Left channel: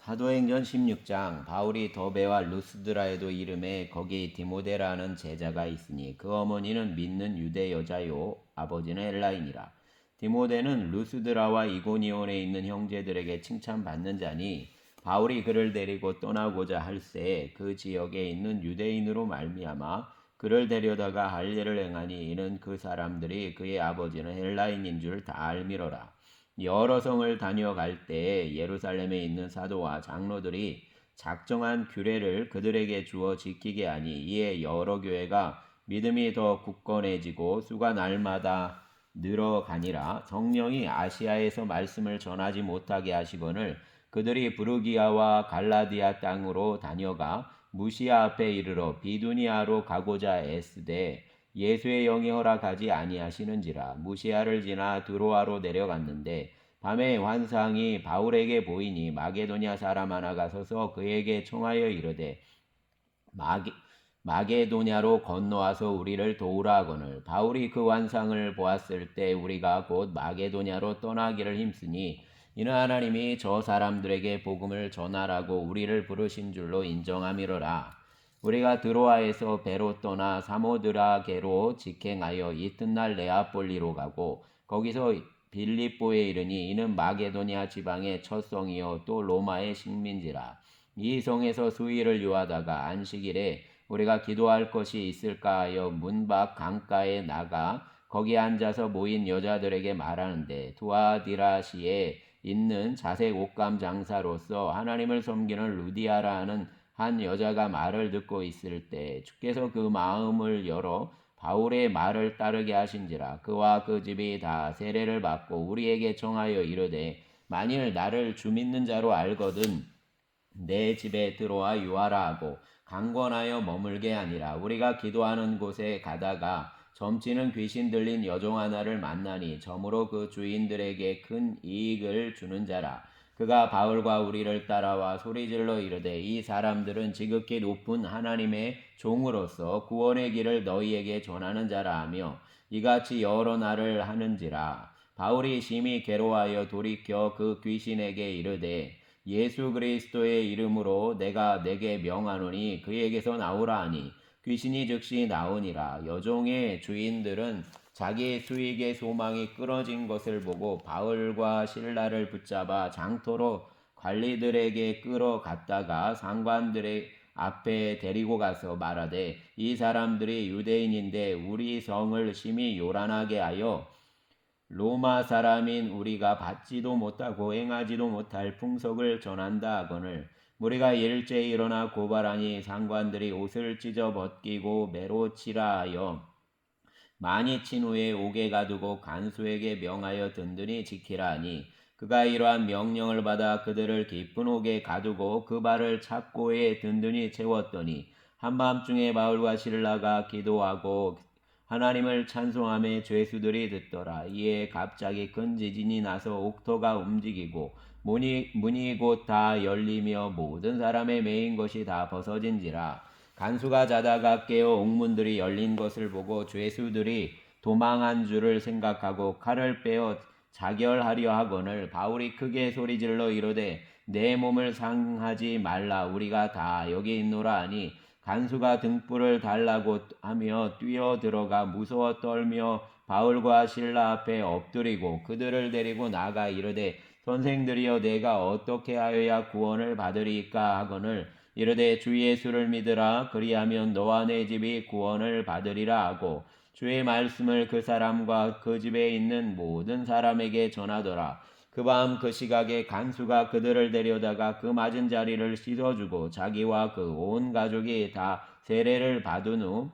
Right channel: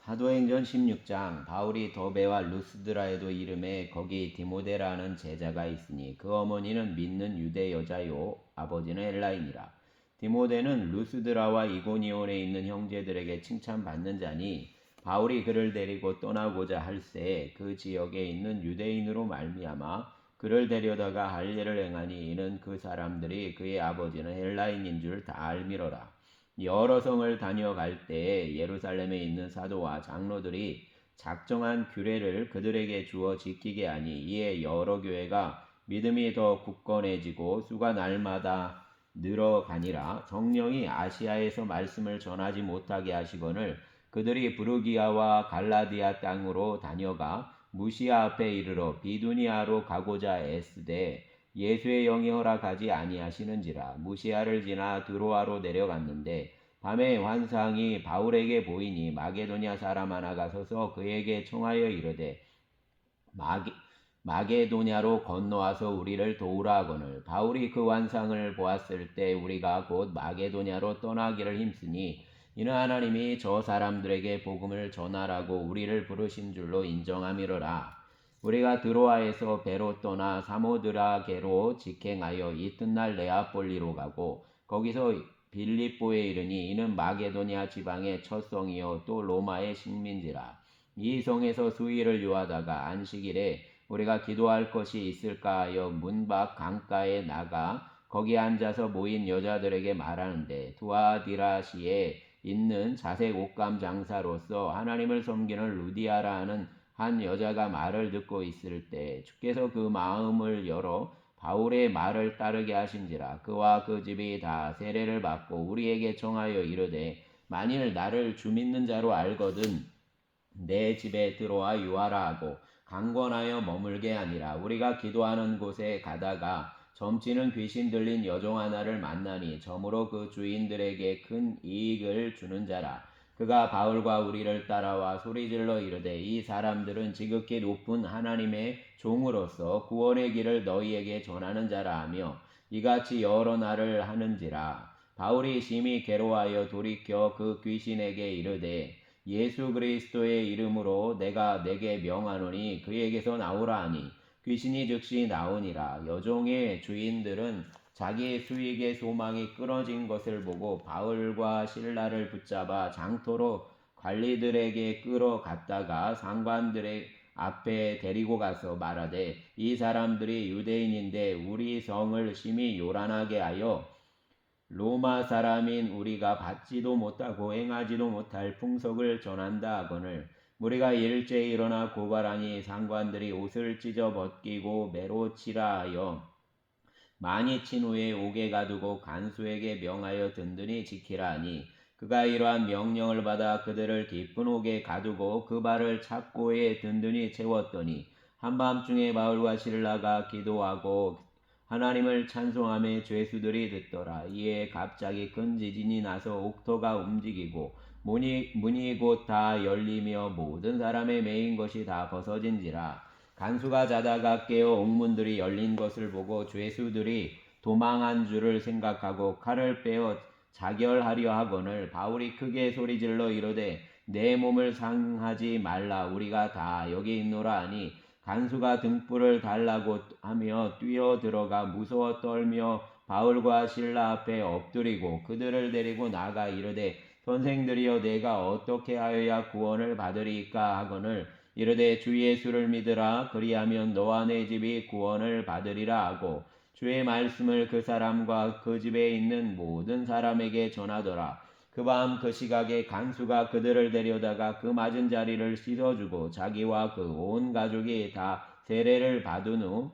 사도행전 16장. 바울이 더베와 루스드라에도 이름에 거기 디모데라는 제자가 있으니 그 어머니는 믿는 유대 여자요 아버지는 헬라인이라. 디모데는 루스드라와 이고니온에 있는 형제들에게 칭찬받는 자니 바울이 그를 데리고 떠나고자 할새 그 지역에 있는 유대인으로 말미암아 그를 데려다가 할 일을 행하니 이는 그 사람들이 그의 아버지는 헬라인인 줄 다 알미러라. 여러 성을 다녀갈 때에 예루살렘에 있는 사도와 장로들이 작정한 규례를 그들에게 주어 지키게 하니 이에 여러 교회가 믿음이 더 굳건해지고 수가 날마다 늘어가니라. 성령이 아시아에서 말씀을 전하지 못하게 하시거늘 그들이 부르기아와 갈라디아 땅으로 다녀가 무시아 앞에 이르러 비두니아로 가고자 애쓰되 예수의 영이 허락하지 아니하시는지라. 무시아를 지나 드로아로 내려갔는데 밤에 환상이 바울에게 보이니 마게도냐 사람 하나가 서서 그에게 청하여 이르되 마게도냐로 건너와서 우리를 도우라 하거늘 바울이 그 환상을 보았을 때 우리가 곧 마게도냐로 떠나기를 힘쓰니 이는 하나님이 저 사람들에게 복음을 전하라고 우리를 부르신 줄로 인정함이로라. 우리가 드로아에서 배로 떠나 사모드라게로 직행하여 이튿날 네아폴리로 가고 거기서 빌립보에 이르니 이는 마게도냐 지방의 첫 성이요 또 로마의 식민지라. 이 성에서 수일을 유하다가 안식일에 우리가 기도할 것이 있을까 하여 문 밖 강가에 나가 거기 앉아서 모인 여자들에게 말하는데 두아디라시에 있는 자색 옷감 장사로서 하나님을 섬기는 루디아라 하는 한 여자가 말을 듣고 있을 때 주께서 그 마음을 열어 바울의 말을 따르게 하신지라. 그와 그 집이 다 세례를 받고 우리에게 청하여 이르되 만일 나를 주 믿는 자로 알거든 내 집에 들어와 유하라 하고 강권하여 머물게 하니라. 우리가 기도하는 곳에 가다가 점치는 귀신 들린 여종 하나를 만나니 점으로 그 주인들에게 큰 이익을 주는 자라. 그가 바울과 우리를 따라와 소리질러 이르되 이 사람들은 지극히 높은 하나님의 종으로서 구원의 길을 너희에게 전하는 자라 하며 이같이 여러 날을 하는지라. 바울이 심히 괴로워하여 돌이켜 그 귀신에게 이르되 예수 그리스도의 이름으로 내가 내게 명하노니 그에게서 나오라 하니 귀신이 즉시 나오니라. 여종의 주인들은 자기의 수익의 소망이 끊어진 것을 보고 바울과 실라를 붙잡아 장터로 관리들에게 끌어갔다가 상관들의 앞에 데리고 가서 말하되 이 사람들이 유대인인데 우리 성을 심히 요란하게 하여 로마 사람인 우리가 받지도 못하고 행하지도 못할 풍속을 전한다 하거늘 우리가 일제히 일어나 고발하니 상관들이 옷을 찢어 벗기고 매로 치라 하여 많이 친 후에 옥에 가두고 간수에게 명하여 든든히 지키라 하니 그가 이러한 명령을 받아 그들을 깊은 옥에 가두고 그 발을 착고에 든든히 채웠더니 한밤중에 바울과 실라가 기도하고 하나님을 찬송하며 죄수들이 듣더라. 이에 갑자기 큰 지진이 나서 옥토가 움직이고 문이 곧 다 열리며 모든 사람의 매인 것이 다 벗어진지라. 간수가 자다가 깨어 옥문들이 열린 것을 보고 죄수들이 도망한 줄을 생각하고 칼을 빼어 자결하려 하거늘 바울이 크게 소리질러 이르되 내 몸을 상하지 말라 우리가 다 여기 있노라 하니 간수가 등불을 달라고 하며 뛰어들어가 무서워 떨며 바울과 실라 앞에 엎드리고 그들을 데리고 나가 이르되 선생들이여 내가 어떻게 하여야 구원을 받으리까 하거늘 이르되 주 예수를 믿으라 그리하면 너와 내 집이 구원을 받으리라 하고 주의 말씀을 그 사람과 그 집에 있는 모든 사람에게 전하더라. 그 밤 그 시각에 간수가 그들을 데려다가 그 맞은 자리를 씻어주고 자기와 그 온 가족이 다 세례를 받은 후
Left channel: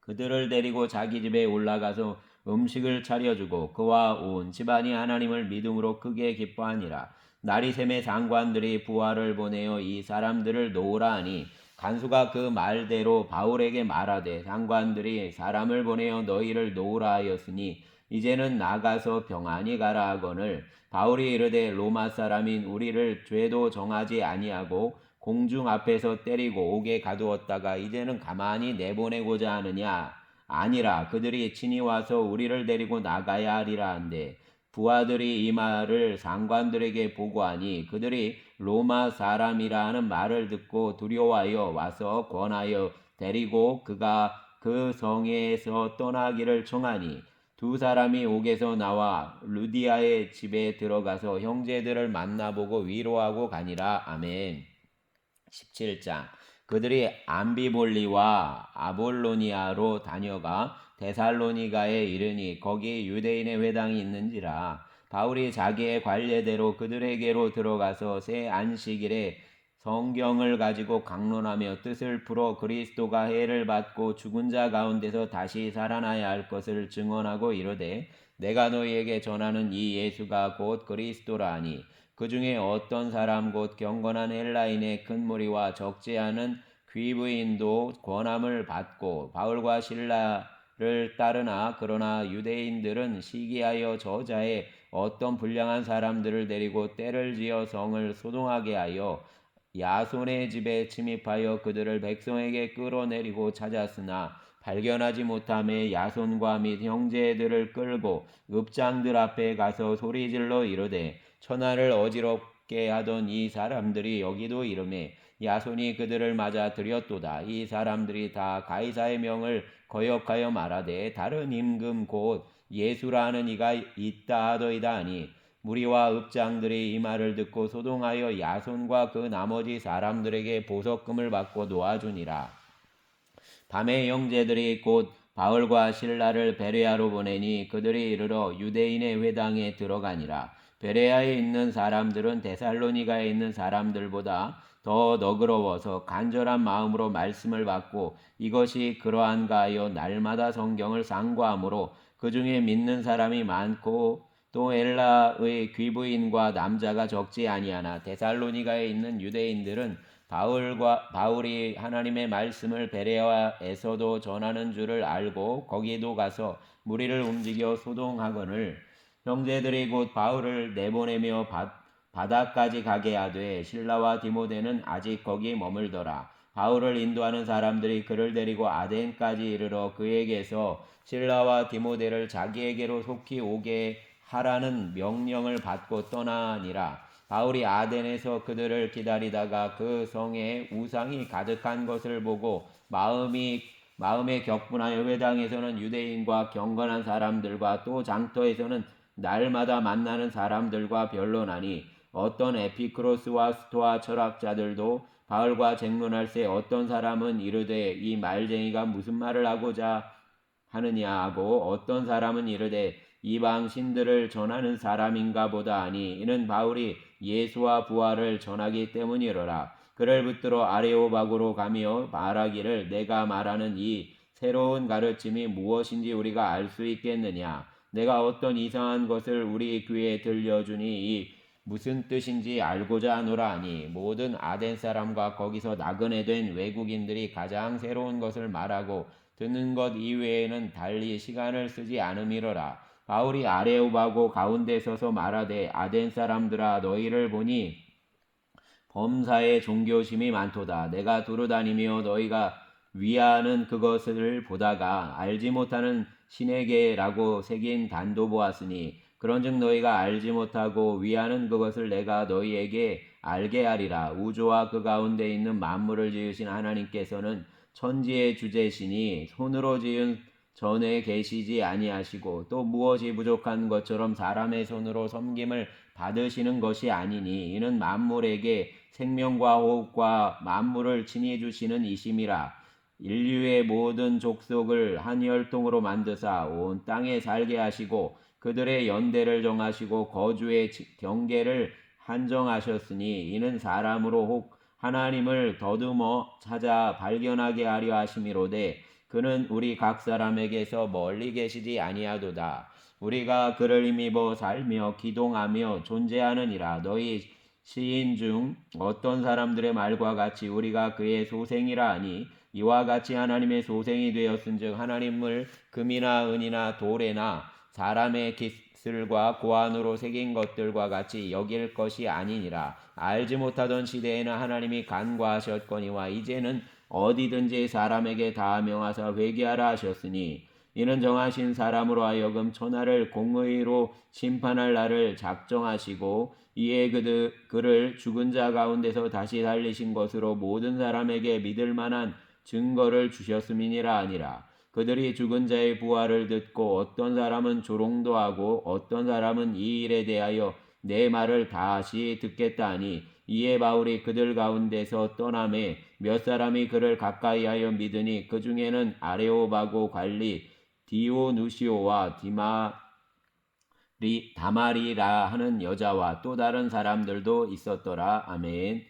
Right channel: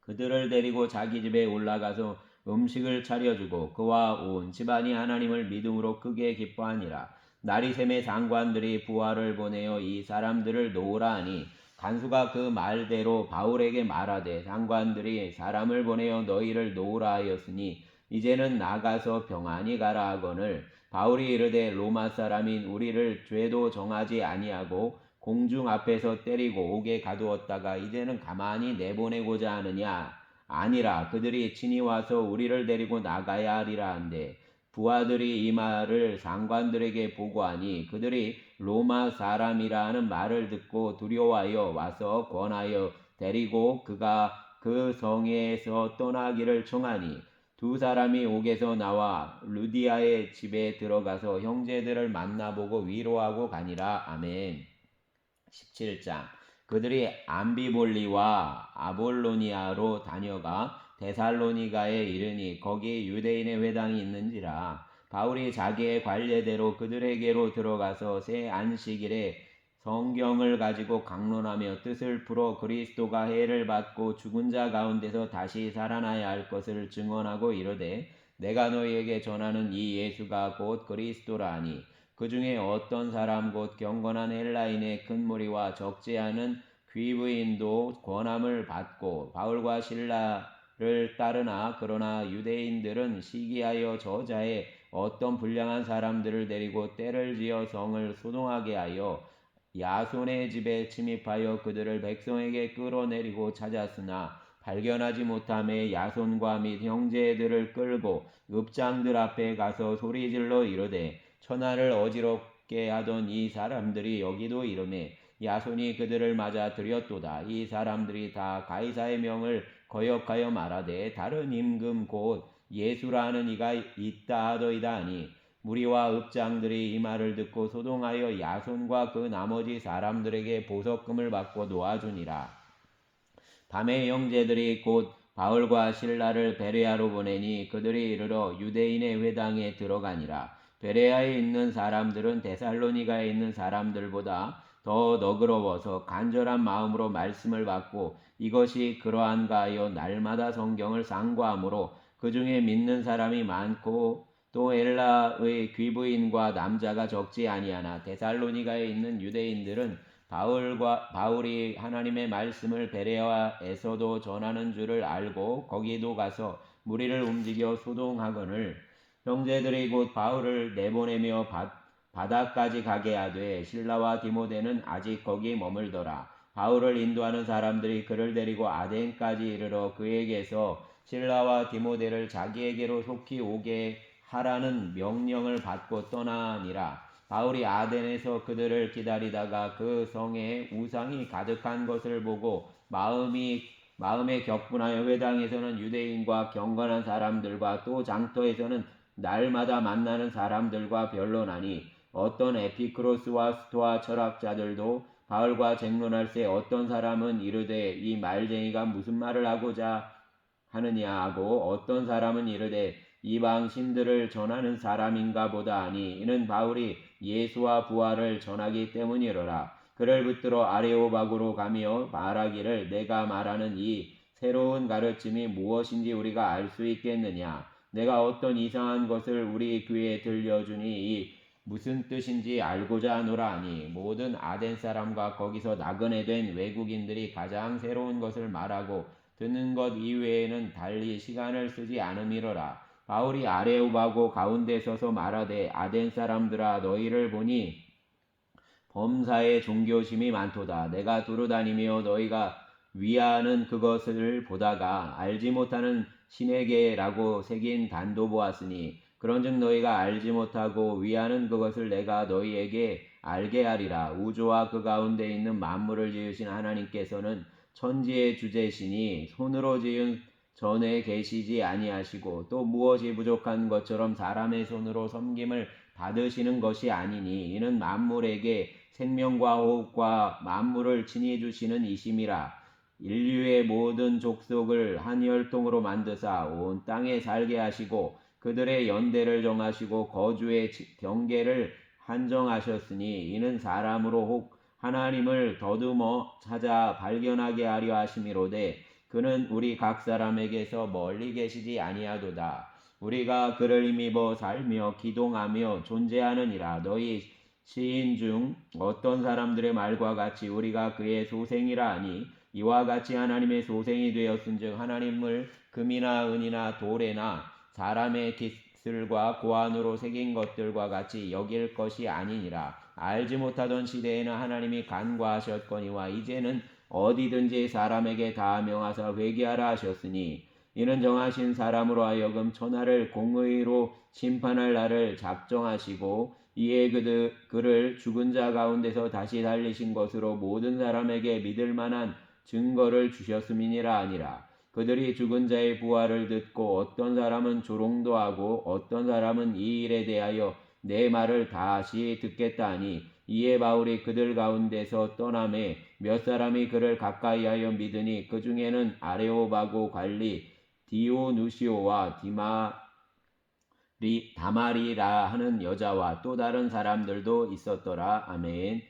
그들을 데리고 자기 집에 올라가서 음식을 차려주고 그와 온 집안이 하나님을 믿음으로 크게 기뻐하니라. 날이 샘에 장관들이 부하를 보내어 이 사람들을 놓으라 하니 간수가 그 말대로 바울에게 말하되 장관들이 사람을 보내어 너희를 놓으라 하였으니 이제는 나가서 평안히 가라 하거늘 바울이 이르되 로마 사람인 우리를 죄도 정하지 아니하고 공중 앞에서 때리고 옥에 가두었다가 이제는 가만히 내보내고자 하느냐 아니라 그들이 친히 와서 우리를 데리고 나가야 하리라 한데 부하들이 이 말을 상관들에게 보고하니 그들이 로마 사람이라 하는 말을 듣고 두려워하여 와서 권하여 데리고 그가 그 성에서 떠나기를 청하니 두 사람이 옥에서 나와 루디아의 집에 들어가서 형제들을 만나보고 위로하고 가니라. 아멘. 17장. 그들이 암비볼리와 아볼로니아로 다녀가 데살로니가에 이르니 거기 유대인의 회당이 있는지라. 바울이 자기의 관례대로 그들에게로 들어가서 새 안식일에 성경을 가지고 강론하며 뜻을 풀어 그리스도가 해를 받고 죽은 자 가운데서 다시 살아나야 할 것을 증언하고 이르되 내가 너희에게 전하는 이 예수가 곧 그리스도라 하니 그 중에 어떤 사람 곧 경건한 헬라인의 큰 무리와 적지 않은 귀부인도 권함을 받고 바울과 실라를 따르나 그러나 유대인들은 시기하여 저자의 어떤 불량한 사람들을 데리고 때를 지어 성을 소동하게 하여 야손의 집에 침입하여 그들을 백성에게 끌어내리고 찾았으나 발견하지 못함에 야손과 및 형제들을 끌고 읍장들 앞에 가서 소리질러 이르되 천하를 어지럽게 하던 이 사람들이 여기도 이르매 야손이 그들을 맞아 들였도다. 이 사람들이 다 가이사의 명을 거역하여 말하되 다른 임금 곧 예수라는 이가 있다 하더이다 하니 무리와 읍장들이 이 말을 듣고 소동하여 야손과 그 나머지 사람들에게 보석금을 받고 놓아주니라. 밤에 형제들이 곧 바울과 실라를 베레아로 보내니 그들이 이르러 유대인의 회당에 들어가니라. 베레아에 있는 사람들은 데살로니가에 있는 사람들보다 더 너그러워서 간절한 마음으로 말씀을 받고 이것이 그러한가 하여 날마다 성경을 상고하므로 그 중에 믿는 사람이 많고 또 헬라의 귀부인과 남자가 적지 아니하나 데살로니가에 있는 유대인들은 바울이 하나님의 말씀을 베레아에서도 전하는 줄을 알고 거기도 가서 무리를 움직여 소동하거늘 형제들이 곧 바울을 내보내며 바다까지 가게 하되 실라와 디모데는 아직 거기 머물더라. 바울을 인도하는 사람들이 그를 데리고 아덴까지 이르러 그에게서 실라와 디모데를 자기에게로 속히 오게 하라는 명령을 받고 떠나니라. 바울이 아덴에서 그들을 기다리다가 그 성에 우상이 가득한 것을 보고 마음에 격분하여 회당에서는 유대인과 경건한 사람들과 또 장터에서는 날마다 만나는 사람들과 변론하니 어떤 에피크로스와 스토아 철학자들도 바울과 쟁론할새 어떤 사람은 이르되 이 말쟁이가 무슨 말을 하고자 하느냐 하고 어떤 사람은 이르되 이방 신들을 전하는 사람인가 보다 하니 이는 바울이 예수와 부활을 전하기 때문이로라. 그를 붙들어 아레오바고로 가며 말하기를 내가 말하는 이 새로운 가르침이 무엇인지 우리가 알 수 있겠느냐. 내가 어떤 이상한 것을 우리 귀에 들려주니 이 무슨 뜻인지 알고자 하노라 하니 모든 아덴 사람과 거기서 나그네 된 외국인들이 가장 새로운 것을 말하고 듣는 것 이외에는 달리 시간을 쓰지 않음이로라. 바울이 아레오바고 가운데 서서 말하되 아덴 사람들아 너희를 보니 범사에 종교심이 많도다. 내가 두루다니며 너희가 위하는 그것을 보다가 알지 못하는 신에게라고 새긴 단도 보았으니 그런즉 너희가 알지 못하고 위하는 그것을 내가 너희에게 알게 하리라. 우주와 그 가운데 있는 만물을 지으신 하나님께서는 천지의 주제시니 손으로 지은 전에 계시지 아니하시고 또 무엇이 부족한 것처럼 사람의 손으로 섬김을 받으시는 것이 아니니 이는 만물에게 생명과 호흡과 만물을 친히 주시는 이심이라. 인류의 모든 족속을 한 혈통으로 만드사 온 땅에 살게 하시고 그들의 연대를 정하시고 거주의 경계를 한정하셨으니 이는 사람으로 혹 하나님을 더듬어 찾아 발견하게 하려 하심이로되 그는 우리 각 사람에게서 멀리 계시지 아니하도다. 우리가 그를 힘입어 살며 기동하며 존재하느니라. 너희 시인 중 어떤 사람들의 말과 같이 우리가 그의 소생이라 하니 이와 같이 하나님의 소생이 되었은즉 하나님을 금이나 은이나 돌에나 사람의 기슬과 고안으로 새긴 것들과 같이 여길 것이 아니니라. 알지 못하던 시대에는 하나님이 간과하셨거니와 이제는 어디든지 사람에게 다 명하사 회개하라 하셨으니 이는 정하신 사람으로 하여금 천하를 공의로 심판할 날을 작정하시고 이에 그를 죽은 자 가운데서 다시 살리신 것으로 모든 사람에게 믿을 만한 증거를 주셨음이니라 아니라. 그들이 죽은 자의 부활을 듣고 어떤 사람은 조롱도 하고 어떤 사람은 이 일에 대하여 내 말을 다시 듣겠다 하니, 이에 바울이 그들 가운데서 떠나매 몇 사람이 그를 가까이하여 믿으니 그 중에는 아레오바고 관리 디오누시오와 다마리라 하는 여자와 또 다른 사람들도 있었더라. 아멘.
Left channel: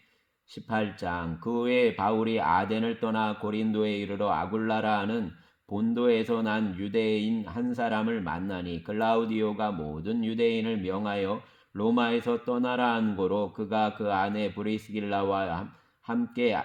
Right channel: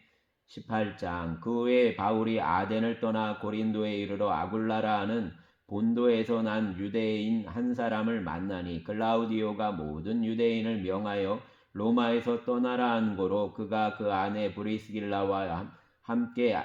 18장. 그 후에 바울이 아덴을 떠나 고린도에 이르러 아굴라라 하는 본도에서 난 유대인 한 사람을 만나니, 글라우디오가 모든 유대인을 명하여 로마에서 떠나라 한 고로 그가 그 아내 브리스길라와 함께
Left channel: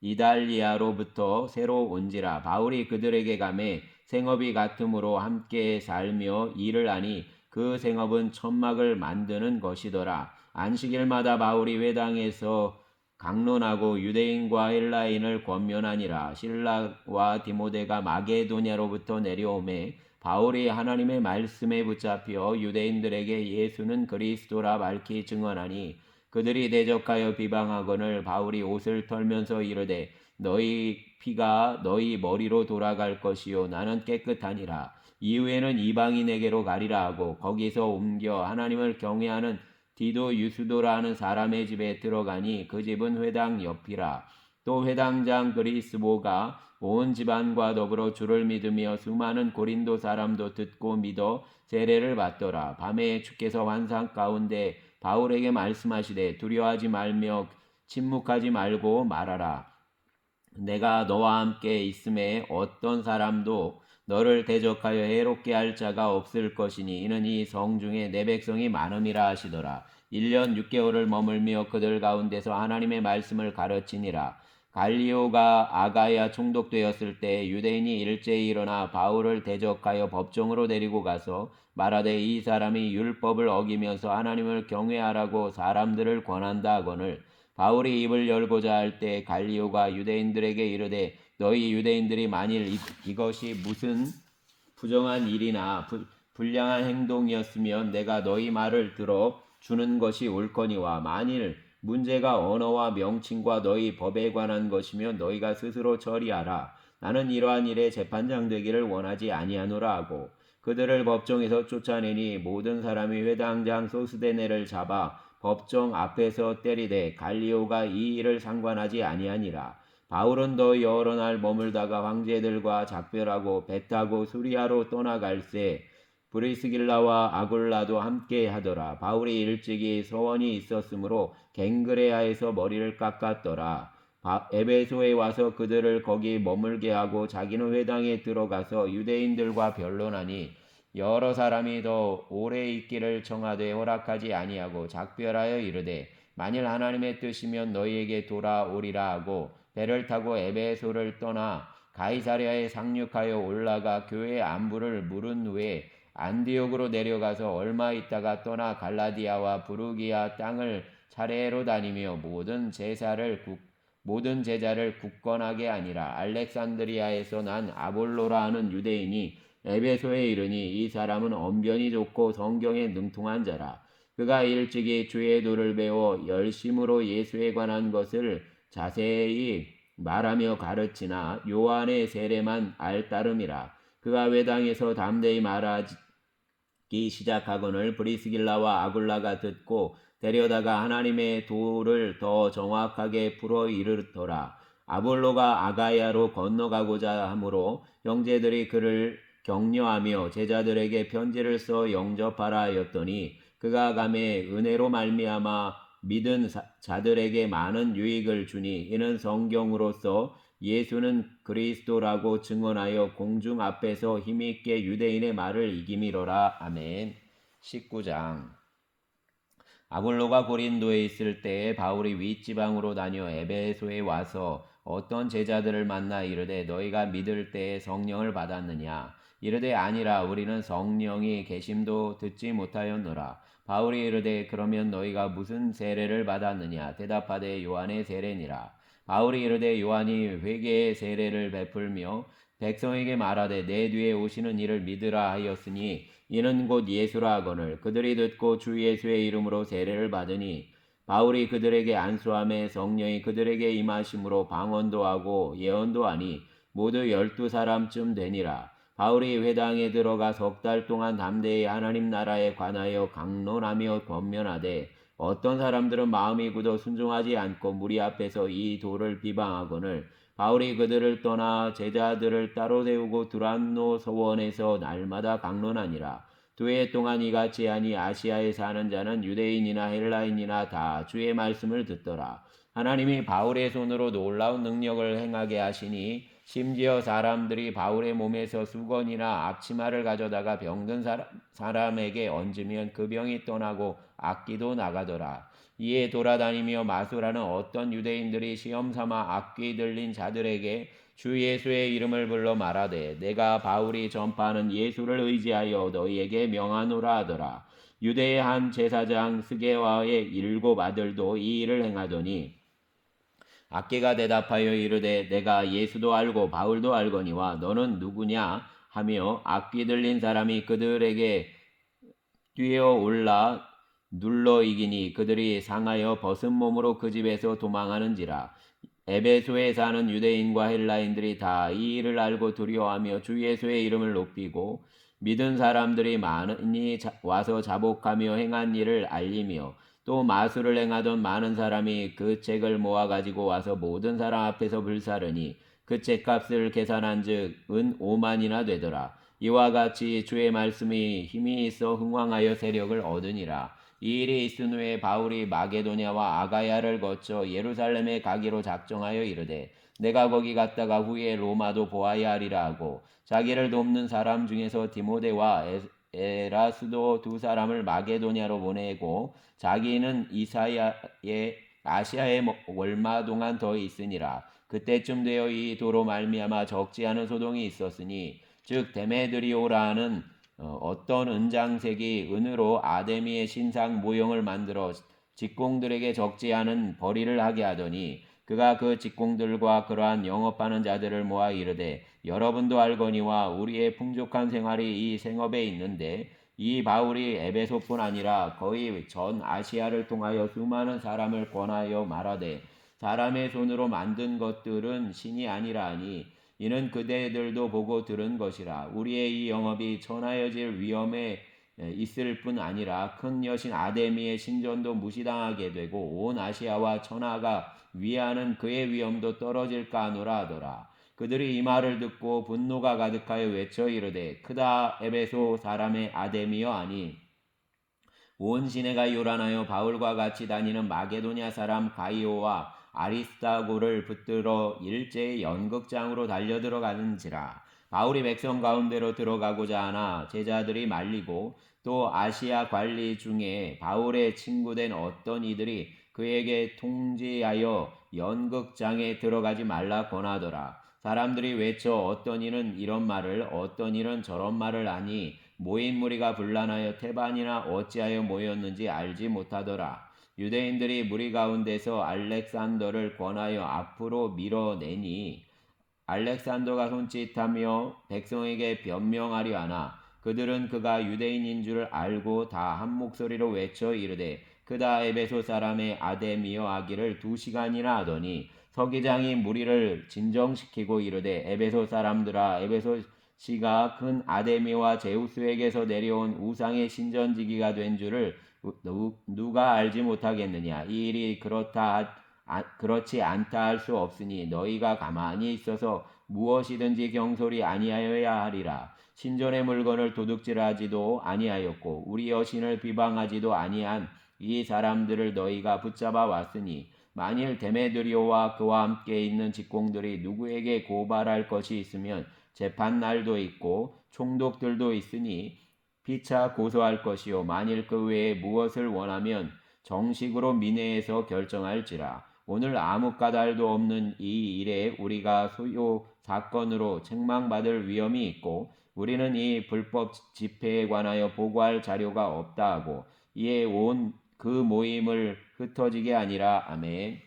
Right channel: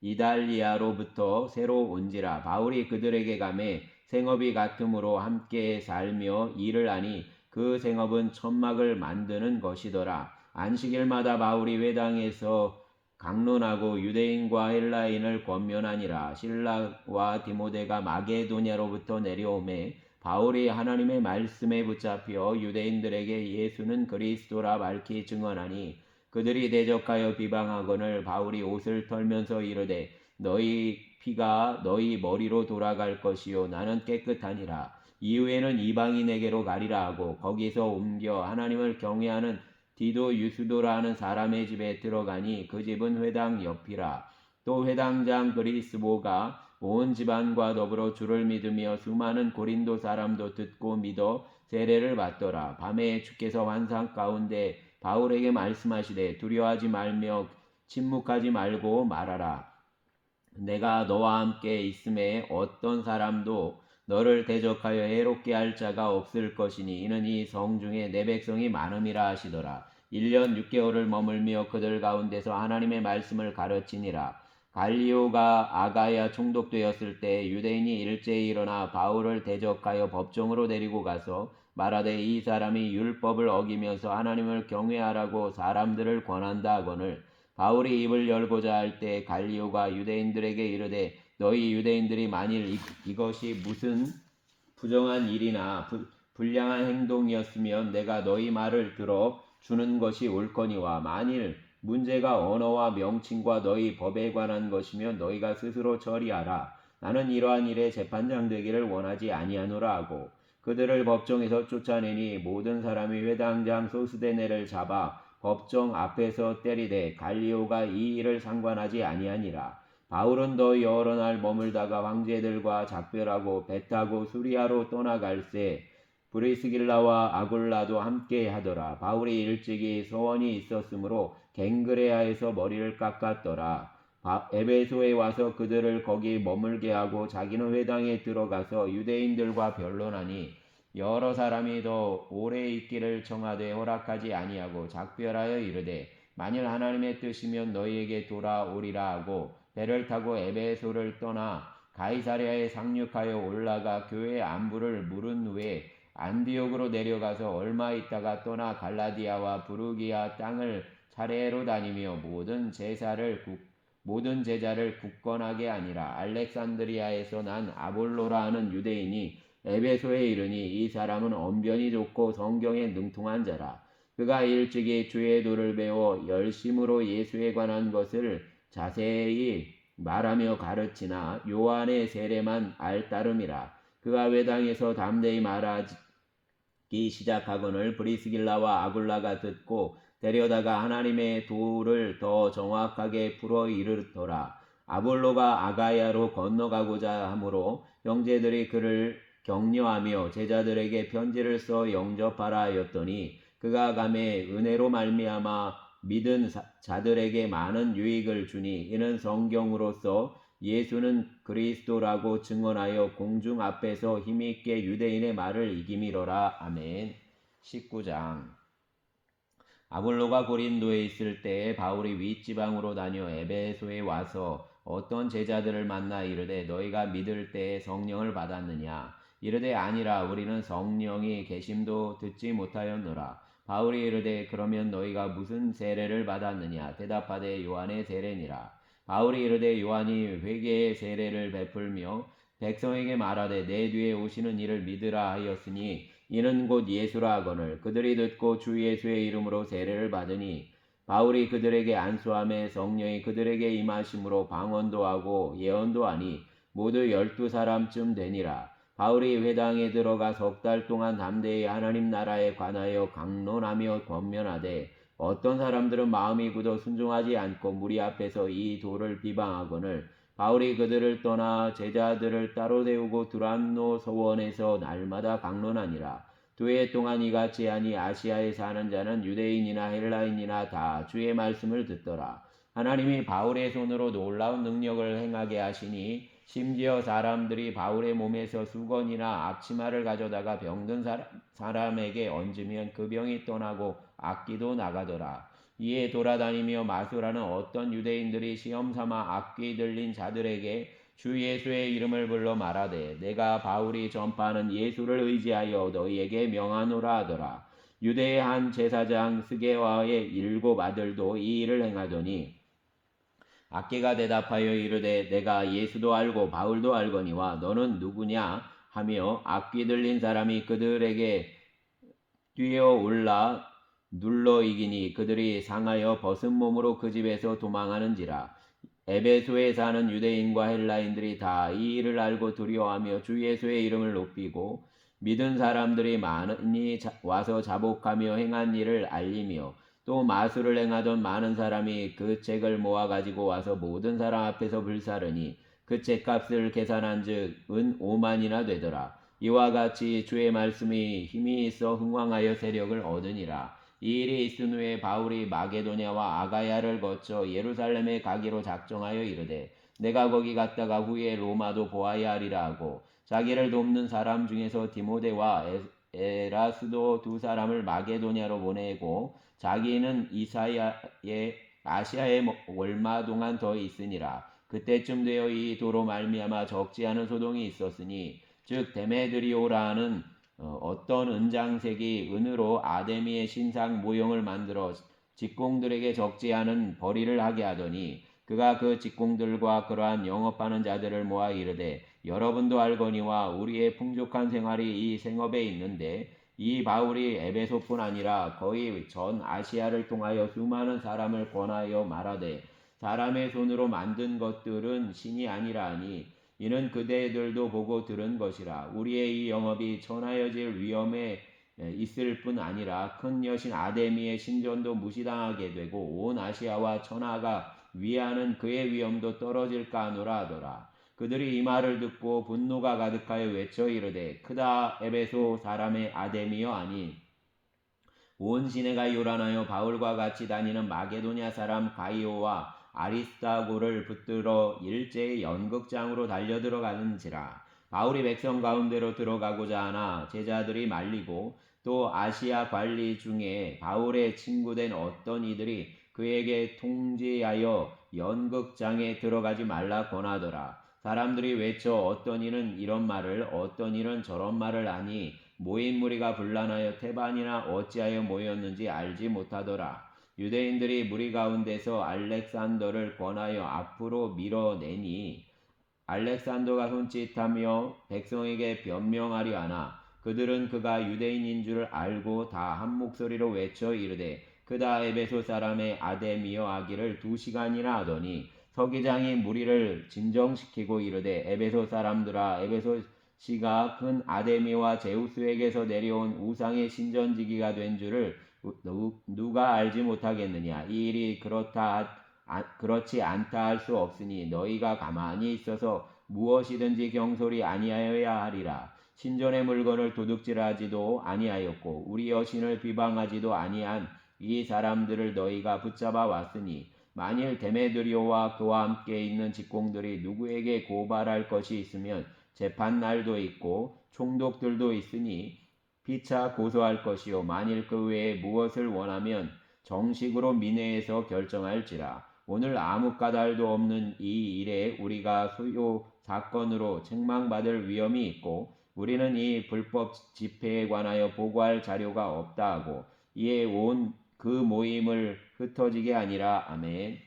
이달리아로부터 새로 온지라. 바울이 그들에게 가매 생업이 같으므로 함께 살며 일을 하니 그 생업은 천막을 만드는 것이더라. 안식일마다 바울이 회당에서 강론하고 유대인과 헬라인을 권면하니라. 실라와 디모데가 마게도냐로부터 내려오매 바울이 하나님의 말씀에 붙잡혀 유대인들에게 예수는 그리스도라 밝히 증언하니, 그들이 대적하여 비방하거늘 바울이 옷을 털면서 이르되 너희 피가 너희 머리로 돌아갈 것이요 나는 깨끗하니라. 이후에는 이방인에게로 가리라 하고 거기서 옮겨 하나님을 경외하는 디도 유스도라 하는 사람의 집에 들어가니 그 집은 회당 옆이라. 또 회당장 그리스보가 온 집안과 더불어 주를 믿으며 수많은 고린도 사람도 듣고 믿어 세례를 받더라. 밤에 주께서 환상 가운데 바울에게 말씀하시되 두려워하지 말며 침묵하지 말고 말하라. 내가 너와 함께 있음에 어떤 사람도 너를 대적하여 해롭게 할 자가 없을 것이니 이는 이 성중에 내 백성이 많음이라 하시더라. 1년 6개월을 머물며 그들 가운데서 하나님의 말씀을 가르치니라. 갈리오가 아가야 총독되었을 때 유대인이 일제히 일어나 바울을 대적하여 법정으로 데리고 가서 말하되 이 사람이 율법을 어기면서 하나님을 경외하라고 사람들을 권한다 하거늘, 바울이 입을 열고자 할 때 갈리오가 유대인들에게 이르되 너희 유대인들이 만일 이것이 무슨 부정한 일이나 불량한 행동이었으면 내가 너희 말을 들어 주는 것이 옳거니와, 만일 문제가 언어와 명칭과 너희 법에 관한 것이면 너희가 스스로 처리하라. 나는 이러한 일에 재판장 되기를 원하지 아니하노라 하고 그들을 법정에서 쫓아내니 모든 사람이 회당장 소스데네를 잡아 법정 앞에서 때리되 갈리오가 이 일을 상관하지 아니하니라. 바울은 더 여러 날 머물다가 황제들과 작별하고 배 타고 수리아로 떠나갈새 브리스길라와 아굴라도 함께 하더라. 바울이 일찍이 서원이 있었으므로 갱그레아에서 머리를 깎았더라. 에베소에 와서 그들을 거기 머물게 하고 자기는 회당에 들어가서 유대인들과 변론하니, 여러 사람이 더 오래 있기를 청하되 허락하지 아니하고 작별하여 이르되 만일 하나님의 뜻이면 너희에게 돌아오리라 하고 배를 타고 에베소를 떠나 가이사랴에 상륙하여 올라가 교회 안부를 물은 후에 안디옥으로 내려가서 얼마 있다가 떠나 갈라디아와 부르기아 땅을 차례로 다니며 모든 제자를 굳건하게 하니라. 알렉산드리아에서 난 아볼로라 하는 유대인이 에베소에 이르니 이 사람은 언변이 좋고 성경에 능통한 자라. 그가 일찍이 주의 도를 배워 열심으로 예수에 관한 것을 자세히 말하며 가르치나 요한의 세례만 알 따름이라. 그가 회당에서 담대히 말하기 시작하거늘 브리스길라와 아굴라가 듣고 데려다가 하나님의 도를 더 정확하게 풀어 이르더라. 아볼로가 아가야로 건너가고자 하므로 형제들이 그를 격려하며 제자들에게 편지를 써 영접하라 하였더니 그가 가매 은혜로 말미암아 믿은 자들에게 많은 유익을 주니 이는 성경으로서 예수는 그리스도라고 증언하여 공중 앞에서 힘있게 유대인의 말을 이기미로라. 아멘. 19장. 아볼로가 고린도에 있을 때에 바울이 윗지방으로 다녀 에베소에 와서 어떤 제자들을 만나 이르되 너희가 믿을 때에 성령을 받았느냐? 이르되 아니라 우리는 성령이 계심도 듣지 못하였노라. 바울이 이르되 그러면 너희가 무슨 세례를 받았느냐? 대답하되 요한의 세례니라. 바울이 이르되 요한이 회개의 세례를 베풀며 백성에게 말하되 내 뒤에 오시는 이를 믿으라 하였으니 이는 곧 예수라 하거늘 그들이 듣고 주 예수의 이름으로 세례를 받으니 바울이 그들에게 안수함에 성령이 그들에게 임하심으로 방언도 하고 예언도 하니 모두 12사람쯤 되니라. 바울이 회당에 들어가 석 달 동안 담대히 하나님 나라에 관하여 강론하며 권면하되 어떤 사람들은 마음이 굳어 순종하지 않고 무리 앞에서 이 도를 비방하거늘 바울이 그들을 떠나 제자들을 따로 세우고 두란노 서원에서 날마다 강론하니라. 2해 동안 이같이 하니 아시아에 사는 자는 유대인이나 헬라인이나 다 주의 말씀을 듣더라. 하나님이 바울의 손으로 놀라운 능력을 행하게 하시니 심지어 사람들이 바울의 몸에서 수건이나 앞치마를 가져다가 병든 사람에게 얹으면 그 병이 떠나고 악기도 나가더라. 이에 돌아다니며 마술하는 어떤 유대인들이 시험삼아 악귀 들린 자들에게 주 예수의 이름을 불러 말하되 내가 바울이 전파하는 예수를 의지하여 너희에게 명하노라 하더라. 유대의 한 제사장 스게와의 7 아들도 이 일을 행하더니 악기가 대답하여 이르되 내가 예수도 알고 바울도 알거니와 너는 누구냐 하며 악귀 들린 사람이 그들에게 뛰어올라 눌러 이기니 그들이 상하여 벗은 몸으로 그 집에서 도망하는지라. 에베소에 사는 유대인과 헬라인들이 다 이 일을 알고 두려워하며 주 예수의 이름을 높이고 믿은 사람들이 많이 와서 자복하며 행한 일을 알리며 또 마술을 행하던 많은 사람이 그 책을 모아 가지고 와서 모든 사람 앞에서 불사르니 그 책값을 계산한즉 은 5만이나 되더라. 이와 같이 주의 말씀이 힘이 있어 흥왕하여 세력을 얻으니라. 이 일이 있은 후에 바울이 마게도냐와 아가야를 거쳐 예루살렘에 가기로 작정하여 이르되 내가 거기 갔다가 후에 로마도 보아야 하리라 하고 자기를 돕는 사람 중에서 디모데와 에라스도 2사람을 마게도냐로 보내고 자기는 이사야의 아시아에 얼마 동안 더 있으니라. 그때쯤 되어 이 도로 말미암아 적지 않은 소동이 있었으니 즉 데메드리오라 하는 어떤 은장색이 은으로 아데미의 신상 모형을 만들어 직공들에게 적지 않은 벌이를 하게 하더니 그가 그 직공들과 그러한 영업하는 자들을 모아 이르되 여러분도 알거니와 우리의 풍족한 생활이 이 생업에 있는데 이 바울이 에베소뿐 아니라 거의 전 아시아를 통하여 수많은 사람을 권하여 말하되 사람의 손으로 만든 것들은 신이 아니라 하니 이는 그대들도 보고 들은 것이라. 우리의 이 영업이 천하여질 위험에 있을 뿐 아니라 큰 여신 아데미의 신전도 무시당하게 되고 온 아시아와 천하가 위하는 그의 위엄도 떨어질까 하노라 하더라. 그들이 이 말을 듣고 분노가 가득하여 외쳐 이르되 크다 에베소 사람의 아데미여 아니 온 시내가 요란하여 바울과 같이 다니는 마게도냐 사람 가이오와 아리스타고를 붙들어 일제히 연극장으로 달려들어가는지라. 바울이 백성 가운데로 들어가고자 하나 제자들이 말리고 또 아시아 관리 중에 바울의 친구된 어떤 이들이 그에게 통지하여 연극장에 들어가지 말라 권하더라. 사람들이 외쳐 어떤 이는 이런 말을 어떤 이는 저런 말을 하니 모인 무리가 분란하여 태반이나 어찌하여 모였는지 알지 못하더라. 유대인들이 무리 가운데서 알렉산더를 권하여 앞으로 밀어내니 알렉산더가 손짓하며 백성에게 변명하려 하나 그들은 그가 유대인인 줄 알고 다 한 목소리로 외쳐 이르되 그다 에베소 사람의 아데미여 하기를 2시간이나 하더니 서기장이 무리를 진정시키고 이르되 에베소 사람들아 에베소 시가 큰 아데미와 제우스에게서 내려온 우상의 신전지기가 된 줄을 누가 알지 못하겠느냐. 이 일이 그렇지 않다 할 수 없으니 너희가 가만히 있어서 무엇이든지 경솔이 아니하여야 하리라. 신전의 물건을 도둑질하지도 아니하였고 우리 여신을 비방하지도 아니한 이 사람들을 너희가 붙잡아 왔으니 만일 데메드리오와 그와 함께 있는 직공들이 누구에게 고발할 것이 있으면 재판날도 있고 총독들도 있으니 피차 고소할 것이요 만일 그 외에 무엇을 원하면 정식으로 민회에서 결정할지라. 오늘 아무 까닭도 없는 이 일에 우리가 소요 사건으로 책망받을 위험이 있고 우리는 이 불법 집회에 관하여 보고할 자료가 없다 하고 이에 온 그 모임을 흩어지게 아니라 아멘.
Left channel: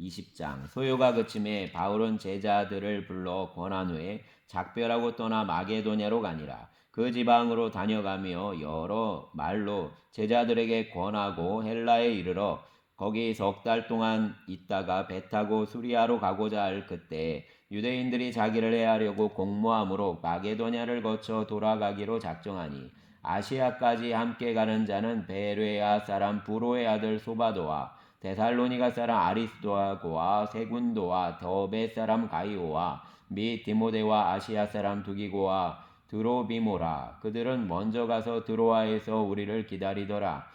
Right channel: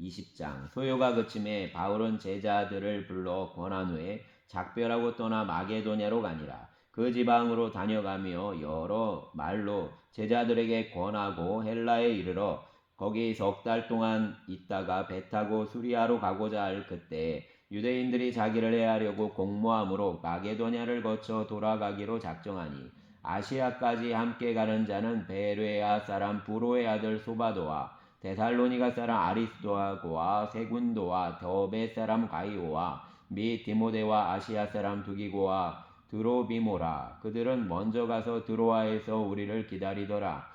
20장 소요가 그침에 바울은 제자들을 불러 권한 후에 작별하고 떠나 마게도냐로 가니라. 그 지방으로 다녀가며 여러 말로 제자들에게 권하고 헬라에 이르러 거기 석 달 동안 있다가 배 타고 수리아로 가고자 할 그때 유대인들이 자기를 해하려고 공모함으로 마게도냐를 거쳐 돌아가기로 작정하니 아시아까지 함께 가는 자는 베레아 사람 부로의 아들 소바도와 데살로니가 사람 아리스도아고와 세군도와 더베 사람 가이오와 및 디모데와 아시아 사람 두기고와 드로비모라. 그들은 먼저 가서 드로아에서 우리를 기다리더라.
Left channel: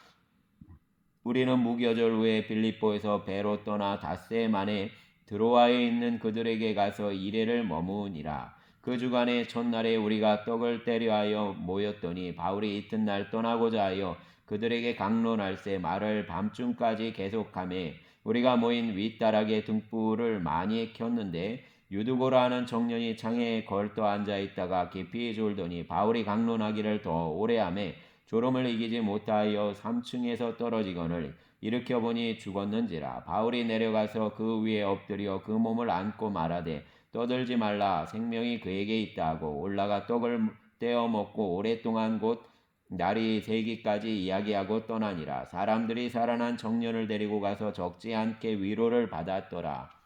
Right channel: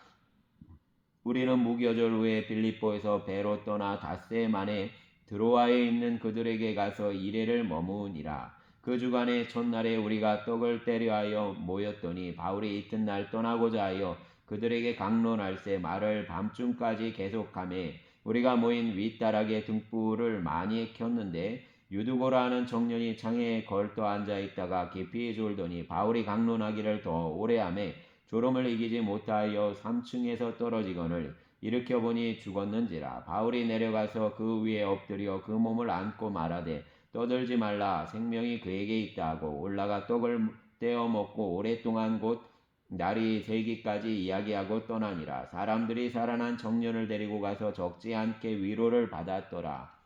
우리는 무교절 후에 빌립보에서 배로 떠나 닷새 만에 드로아에 있는 그들에게 가서 이레를 머무니라. 그 주간에 첫날에 우리가 떡을 때려 하여 모였더니 바울이 이튿날 떠나고자 하여 그들에게 강론할세 말을 밤중까지 계속하매 우리가 모인 윗다락에 등불을 많이 켰는데 유두고라 하는 청년이 창에 걸떠 앉아 있다가 깊이 졸더니 바울이 강론하기를 더 오래 하매 졸음을 이기지 못하여 3층에서 떨어지거늘 일으켜보니 죽었는지라. 바울이 내려가서 그 위에 엎드려 그 몸을 안고 말하되 떠들지 말라 생명이 그에게 있다 하고 올라가 떡을 떼어 먹고 오랫동안 곧 날이 새기까지 이야기하고 떠나니라. 사람들이 살아난 청년을 데리고 가서 적지 않게 위로를 받았더라.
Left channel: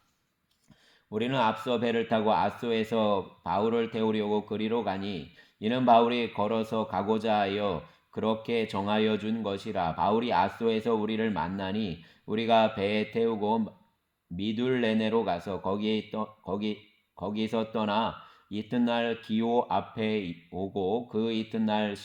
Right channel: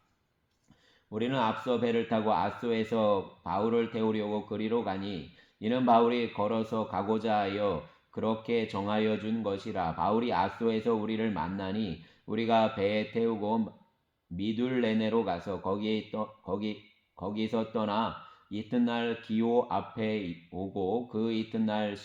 우리는 앞서 배를 타고 아소에서 바울을 태우려고 그리로 가니 이는 바울이 걸어서 가고자 하여 그렇게 정하여 준 것이라. 바울이 아소에서 우리를 만나니 우리가 배에 태우고 미둘레네로 가서 거기서 떠나 이튿날 기오 앞에 오고 그 이튿날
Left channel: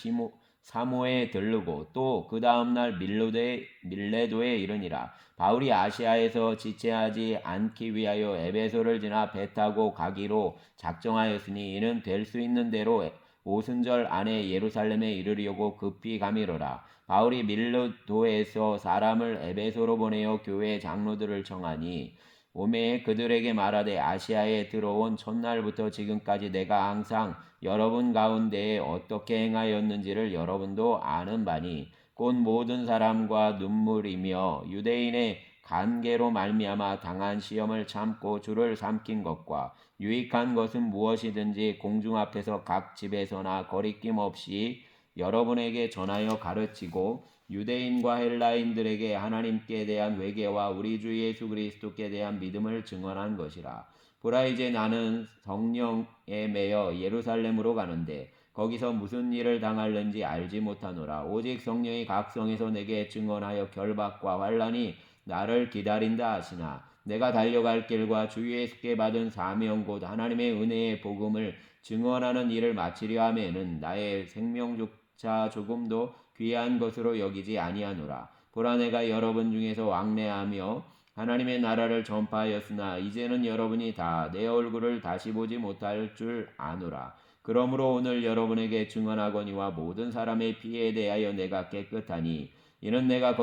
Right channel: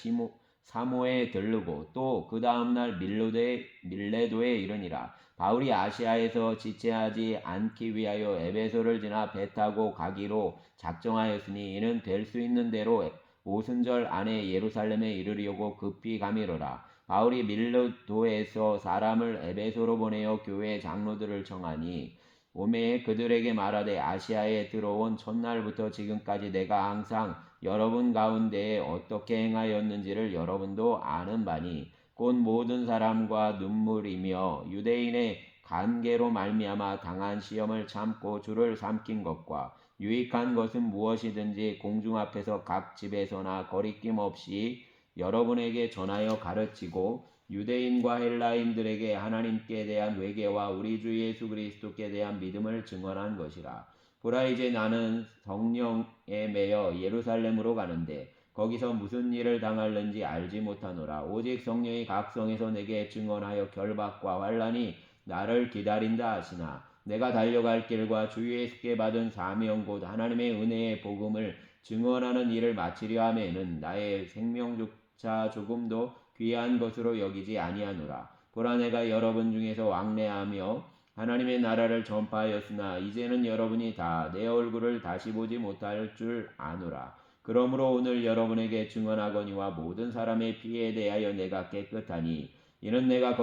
사모에 들르고 또 그 다음날 밀레도에 이르니라. 바울이 아시아에서 지체하지 않기 위하여 에베소를 지나 배 타고 가기로 작정하였으니 이는 될 수 있는 대로 오순절 안에 예루살렘에 이르려고 급히 가미로라. 바울이 밀레도에서 사람을 에베소로 보내어 교회 장로들을 청하니 오메 그들에게 말하되 아시아에 들어온 첫날부터 지금까지 내가 항상 여러분 가운데에 어떻게 행하였는지를 여러분도 아는 바니 곧 모든 사람과 눈물이며 유대인의 간계로 말미암아 당한 시험을 참고 주를 삼킨 것과 유익한 것은 무엇이든지 공중 앞에서 각 집에서나 거리낌 없이 여러분에게 전하여 가르치고 유대인과 헬라인들에게 하나님께 대한 회개와 우리 주 예수 그리스도께 대한 믿음을 증언한 것이라. 보라 이제 나는 성령에 매여 예루살렘으로 가는데 거기서 무슨 일을 당할는지 알지 못하노라. 오직 성령이 각 성에서 내게 증언하여 결박과 환난이 나를 기다린다 하시나 내가 달려갈 길과 주 예수께 받은 사명 곧 하나님의 은혜의 복음을 증언하는 일을 마치려 하면은 나의 생명조차 조금도 귀한 것으로 여기지 아니하노라. 보라 내가 여러분 중에서 왕래하며 하나님의 나라를 전파하였으나 이제는 여러분이 다 내 얼굴을 다시 보지 못할 줄 아노라. 그러므로 오늘 여러분에게 증언하거니와 모든 사람의 피에 대하여 내가 깨끗하니 이는 내가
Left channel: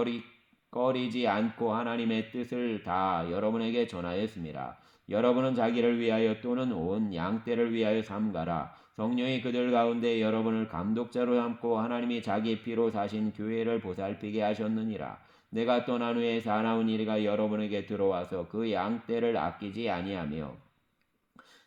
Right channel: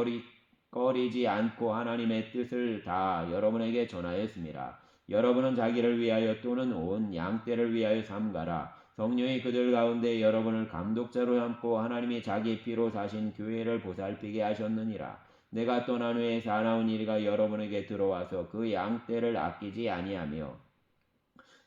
꺼리지 않고 하나님의 뜻을 다 여러분에게 전하였습니다. 여러분은 자기를 위하여 또는 온 양떼를 위하여 삼가라. 성령이 그들 가운데 여러분을 감독자로 삼고 하나님이 자기 피로 사신 교회를 보살피게 하셨느니라. 내가 떠난 후에 사나운 이리가 여러분에게 들어와서 그 양떼를 아끼지 아니하며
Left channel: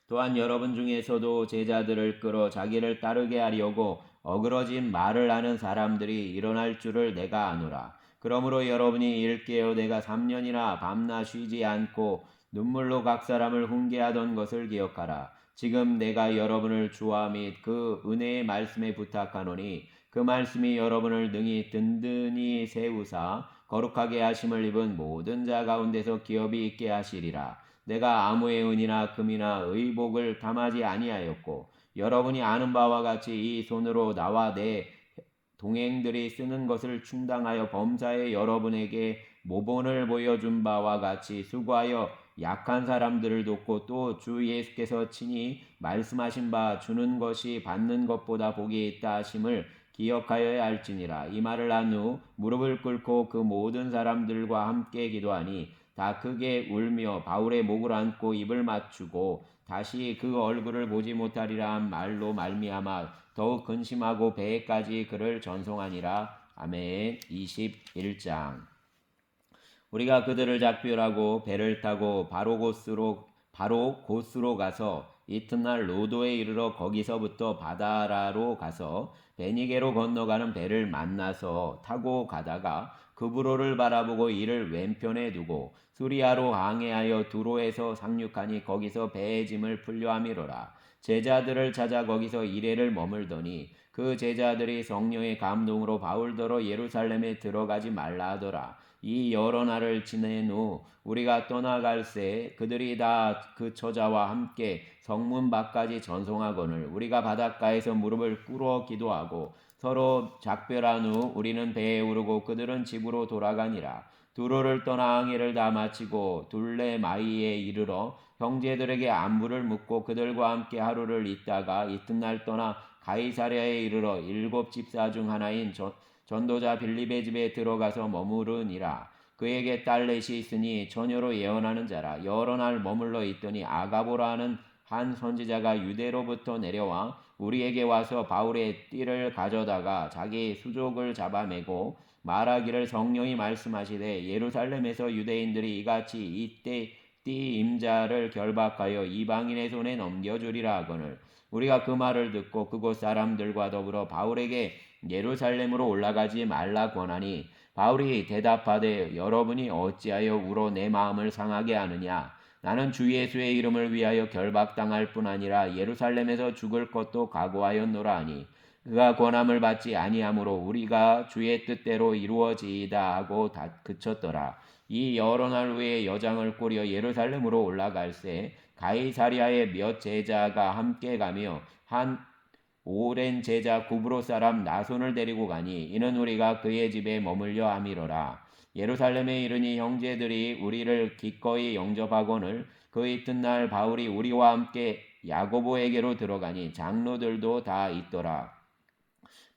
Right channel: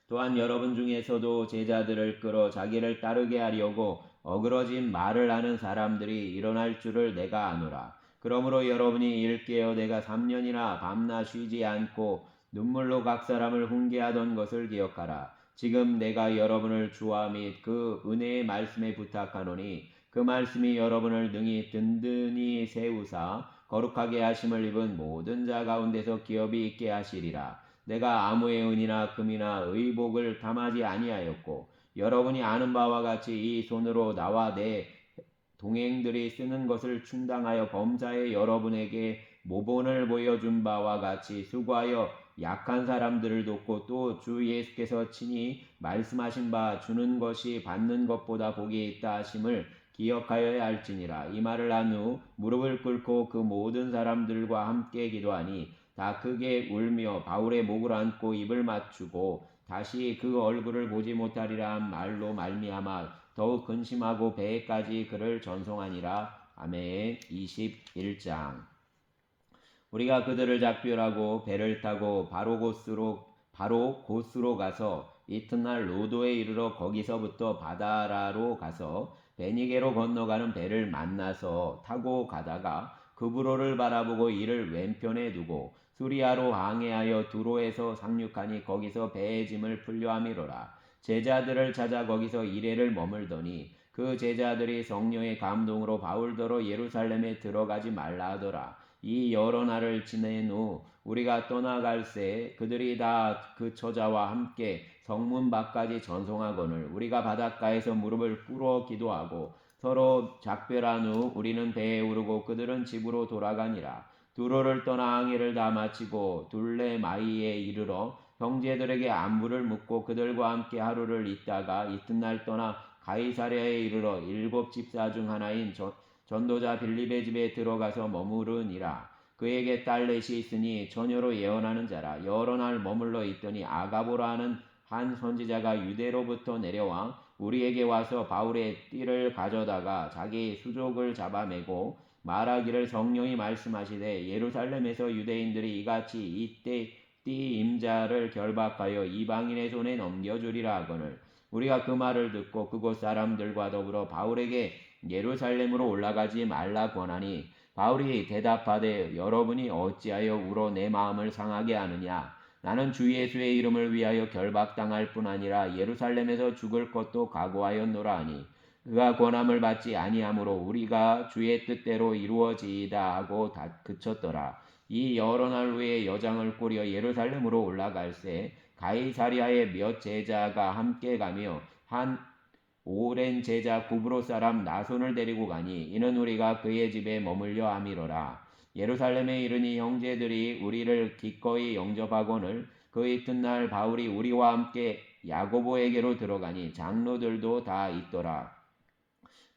또한 여러분 중에서도 제자들을 끌어 자기를 따르게 하려고 어그러진 말을 하는 사람들이 일어날 줄을 내가 아노라. 그러므로 여러분이 일깨어 내가 3년이나 밤낮 쉬지 않고 눈물로 각 사람을 훈계하던 것을 기억하라. 지금 내가 여러분을 주와 및 그 은혜의 말씀에 부탁하노니 그 말씀이 여러분을 능히 든든히 세우사 거룩하게 하심을 입은 모든 자 가운데서 기업이 있게 하시리라. 내가 아무의 은이나 금이나 의복을 담하지 아니하였고 여러분이 아는 바와 같이 이 손으로 나와 내 동행들이 쓰는 것을 충당하여 범사에 여러분에게 모본을 보여준 바와 같이 수고하여 약한 사람들을 돕고 또 주 예수께서 친히 말씀하신 바 주는 것이 받는 것보다 복이 있다 하심을 기억하여야 할지니라. 이 말을 한 후 무릎을 꿇고 그 모든 사람들과 함께 기도하니 다 크게 울며 바울의 목을 안고 입을 맞추고 다시 그 얼굴을 보지 못하리라 한 말로 말미암아 더욱 근심하고 배에까지 그를 전송하니라. 아멘. 21장. 우리가 그들을 작별하고 배를 타고 바로 곧으로 가서 이튿날 로도에 이르러 거기서부터 바다라로 가서 베니게로 건너가는 배를 만나서 타고 가다가 그브로를 바라보고 이를 왼편에 두고 수리아로 항해하여 두로에서 상륙하니 거기서 배의 짐을 풀려함이로라. 제자들을 찾아 거기서 이레를 머물더니 그 제자들이 성령의 감동으로 바울더러 예루살렘에 들어가지 말라 하더라. 이 여러 날을 지낸 후 우리가 떠나갈새 그들이 다 그 처자와 함께 성문 밖까지 전송하거늘 우리가 바닷가에서 무릎을 꿇어 기도하고 서로 작별한 후 우리는 배에 오르고 그들은 집으로 돌아가니라. 두로를 떠나 항해를 다 마치고 둘레마이에 이르러 형제들에게 안부를 묻고 그들과 함께 하루를 있다가 이튿날 떠나 가이사랴에 이르러 7 집사 중 하나인 전도자 빌립의 집에 들어가서 머무르니라. 그에게 딸넷이 있으니 처녀로 예언하는 자라. 여러 날 머물러 있더니 아가보라 하는 한 선지자가 유대로부터 내려와 우리에게 와서 바울의 띠를 가져다가 자기 수족을 잡아매고 말하기를 성령이 말씀하시되 예루살렘에서 유대인들이 이같이 이때 띠 임자를 결박하여 이방인의 손에 넘겨주리라 하거늘 우리가 그 말을 듣고 그곳 사람들과 더불어 바울에게 예루살렘으로 올라가지 말라 권하니 바울이 대답하되 여러분이 어찌하여 울어 내 마음을 상하게 하느냐 나는 주 예수의 이름을 위하여 결박당할 뿐 아니라 예루살렘에서 죽을 것도 각오하였노라 하니 그가 권함을 받지 아니하므로 우리가 주의 뜻대로 이루어지이다 하고 다 그쳤더라. 이 여러 날 후에 여장을 꾸려 예루살렘으로 올라갈새 가이사랴에 몇 제자가 함께 가며 한 오랜 제자 구브로 사람 나손을 데리고 가니 이는 우리가 그의 집에 머물려 함이로라. 예루살렘에 이르니 형제들이 우리를 기꺼이 영접하거늘 그 이튿날 바울이 우리와 함께 야고보에게로 들어가니 장로들도 다 있더라.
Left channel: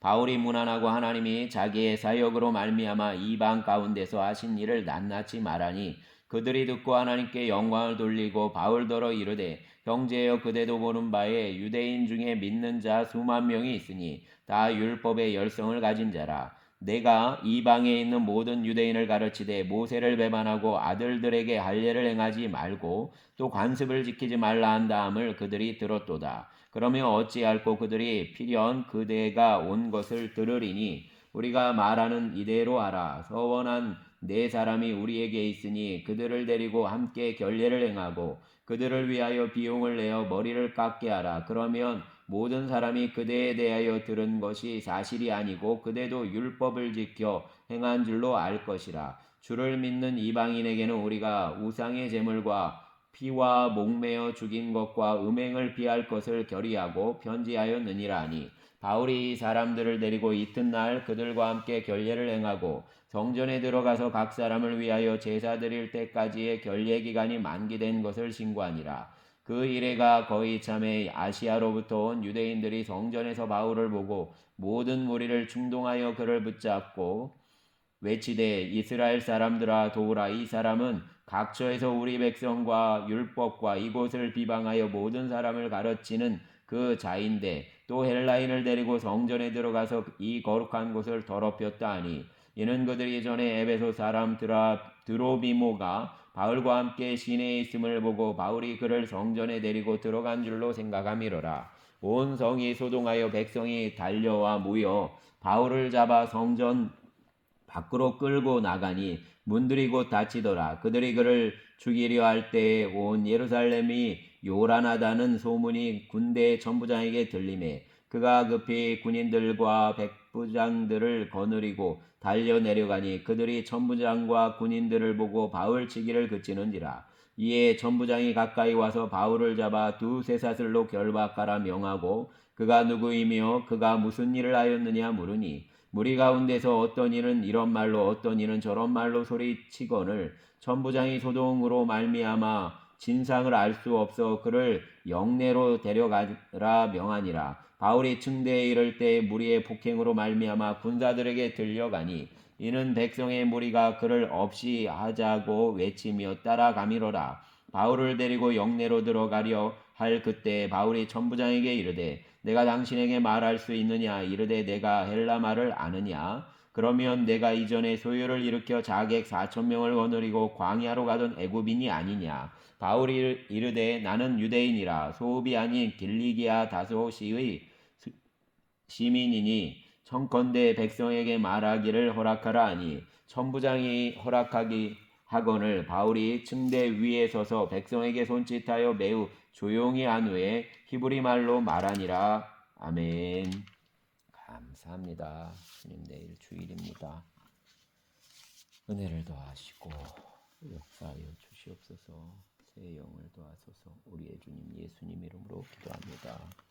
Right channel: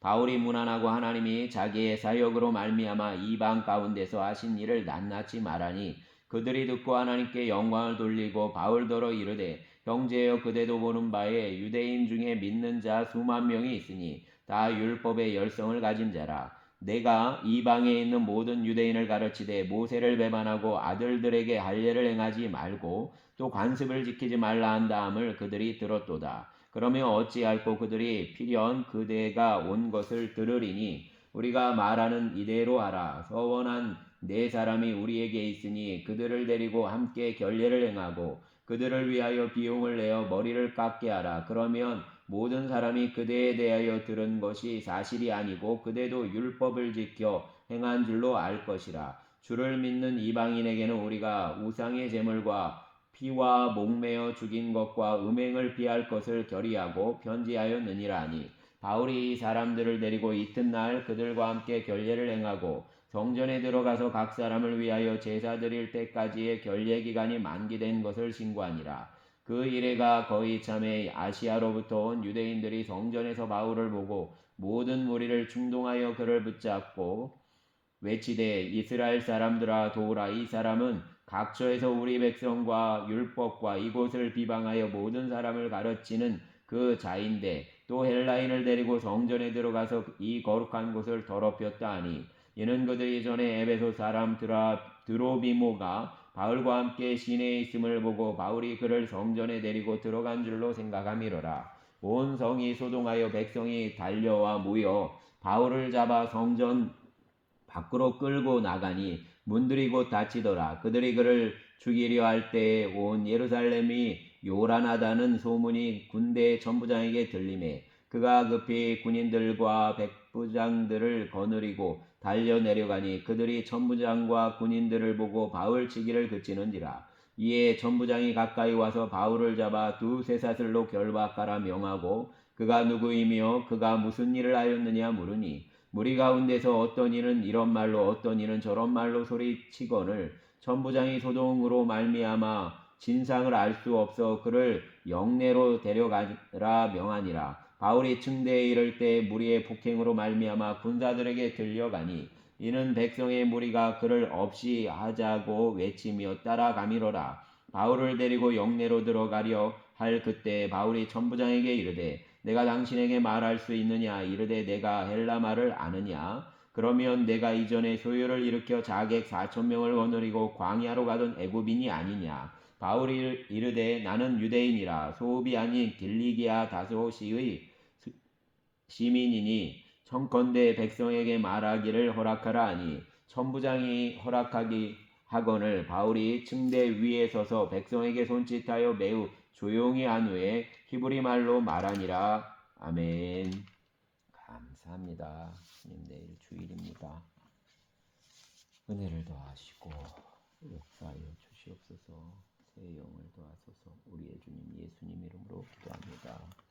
바울이 문안하고 하나님이 자기의 사역으로 말미암아 이방 가운데서 하신 일을 낱낱이 말하니 그들이 듣고 하나님께 영광을 돌리고 바울더러 이르되 형제여 그대도 보는 바에 유대인 중에 믿는 자 수만 명이 있으니 다 율법의 열성을 가진 자라. 내가 이방에 있는 모든 유대인을 가르치되 모세를 배반하고 아들들에게 할례를 행하지 말고 또 관습을 지키지 말라 한 다음을 그들이 들었도다. 그러면 어찌할꼬 그들이 필연 그대가 온 것을 들으리니 우리가 말하는 이대로 하라. 서원한 네 사람이 우리에게 있으니 그들을 데리고 함께 결례를 행하고 그들을 위하여 비용을 내어 머리를 깎게 하라. 그러면 모든 사람이 그대에 대하여 들은 것이 사실이 아니고 그대도 율법을 지켜 행한 줄로 알 것이라. 주를 믿는 이방인에게는 우리가 우상의 제물과 피와 목매어 죽인 것과 음행을 피할 것을 결의하고 편지하였느니라 하니 바울이 이 사람들을 데리고 이튿날 그들과 함께 결례를 행하고 성전에 들어가서 각 사람을 위하여 제사 드릴 때까지의 결례 기간이 만기된 것을 신고하니라. 그 이래가 거의 참에 아시아로부터 온 유대인들이 성전에서 바울을 보고 모든 무리를 충동하여 그를 붙잡고 외치되 이스라엘 사람들아 도우라. 이 사람은 각처에서 우리 백성과 율법과 이곳을 비방하여 모든 사람을 가르치는 그 자인데 또 헬라인을 데리고 성전에 들어가서 이 거룩한 곳을 더럽혔다 하니 이는 그들이 전에 에베소 사람 드로비모가 바울과 함께 시내에 있음을 보고 바울이 그를 성전에 데리고 들어간 줄로 생각함이로라. 온 성이 소동하여 백성이 달려와 모여 바울을 잡아 성전 밖으로 끌고 나가니 문들이 곧 닫히더라. 그들이 그를 죽이려 할 때에 온 예루살렘이 요란하다는 소문이 군대 천부장에게 들리매 그가 급히 군인들과 백부장들을 거느리고 달려 내려가니 그들이 천부장과 군인들을 보고 바울 치기를 그치는지라. 이에 천부장이 가까이 와서 바울을 잡아 두세 사슬로 결박하라 명하고 그가 누구이며 그가 무슨 일을 하였느냐 물으니 무리 가운데서 어떤 이는 이런 말로 어떤 이는 저런 말로 소리치거늘 천부장이 소동으로 말미암아 진상을 알 수 없어 그를 영내로 데려가라 명하니라. 바울이 층대에 이를 때 무리의 폭행으로 말미암아 군사들에게 들려가니 이는 백성의 무리가 그를 없이 하자고 외치며 따라가미로라. 바울을 데리고 영내로 들어가려 할 그때 바울이 천부장에게 이르되 내가 당신에게 말할 수 있느냐 이르되 내가 헬라 말을 아느냐 그러면 내가 이전에 소요를 일으켜 자객 4,000명을 거느리고 광야로 가던 애굽인이 아니냐. 바울이 이르되 나는 유대인이라 소읍이 아닌 길리기아 다소시의 시민이니 청컨대 백성에게 말하기를 허락하라 하니 천부장이 허락하기 하거늘 바울이 층대 위에 서서 백성에게 손짓하여 매우 조용히 한 후에 히브리 말로 말하니라. 아멘. 감사합니다. 주님 내일 주일입니다. 은혜를 더하시고 역사하여 주시옵소서. 새 영을 더하소서. 우리의 주님 예수님 이름으로 기도합니다.